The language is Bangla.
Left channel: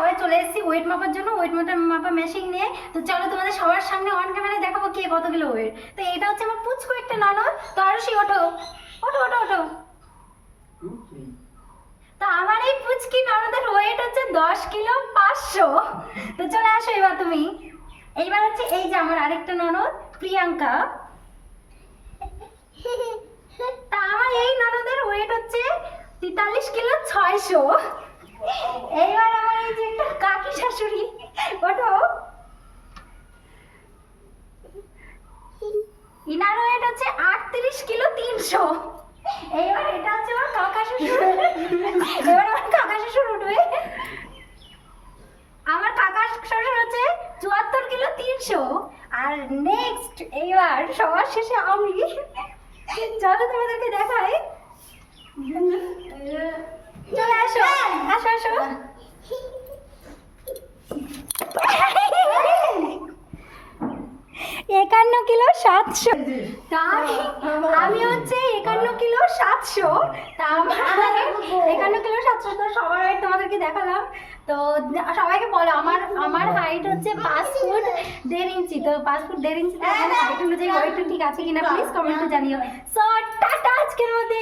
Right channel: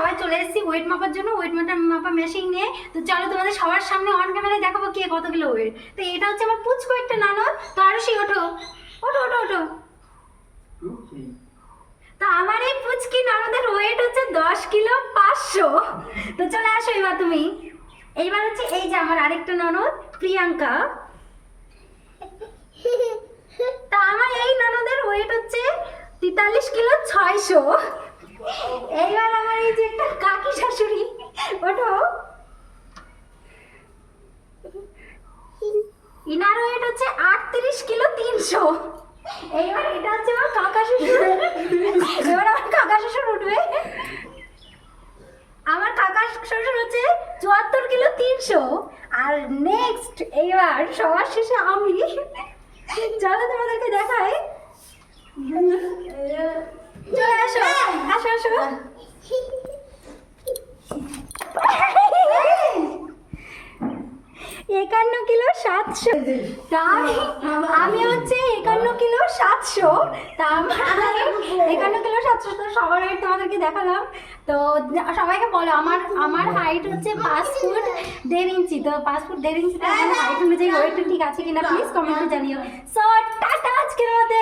সবাই চলে এসেছি ওয়েট মাপার জন্য। ওয়েট মাপা মাপা মেশিন নিয়ে। তো চলো তোমাদের সবার সামনে অন ক্যামেরায় দেখাবো কে কত কিলো ওয়েট তো এটা হচ্ছে আমার পুচকু একটা ননদ। তো আরও সে ওঠো। ওঠো ওঠো ওঠো। তো আমার এই পুচকি ননদের ওয়েট হচ্ছে দশ কিলো পাঁচশো। তো চলে আসো এবার তুমি। এইবার হচ্ছে এই যে আমার আরেকটা ননদ, প্রিয়াঙ্কা। তা আমার এই ননদের ওয়েট হচ্ছে তেতাল্লিশ কিলো ছয়শো। এইবার আমার এই যে একটা কাকি শাশুড়ি ওঠো ইনার ওয়েট হচ্ছে আটত্রিশ কিলো তিনশো। এইবার এটা হচ্ছে আমার কাকা শ্বশুর। এবার আমার কাকা শ্বশুর উঠবে। আমার কাকা শ্বশুর হচ্ছে চুয়াত্তর কিলো তিনশো। আর নেক্সট এইবার সবার শেষে আমি। চলো তোমাদেরকে দেখাই। চলে, আসো। আসো আসো। একান্ন কিলো সাতশো। আমি- হচ্ছে একান্ন কিলো সাতশো। তা একান্ন কিলো সাতশো তো সবার হাইট তোমাদেরকে দেখালাম। তো সবাইকে বলো আমার আমার হাইট হচ্ছে পাঁচ ফুট দেড় ইঞ্চি। তো পাঁচ ফুট দেড় ইঞ্চি হাইট অনুযায়ী ওয়েটটা ঠিক আছে কিনা প্লিজ কমেন্টে জানিও। সো টাটা আজকের মধ্যে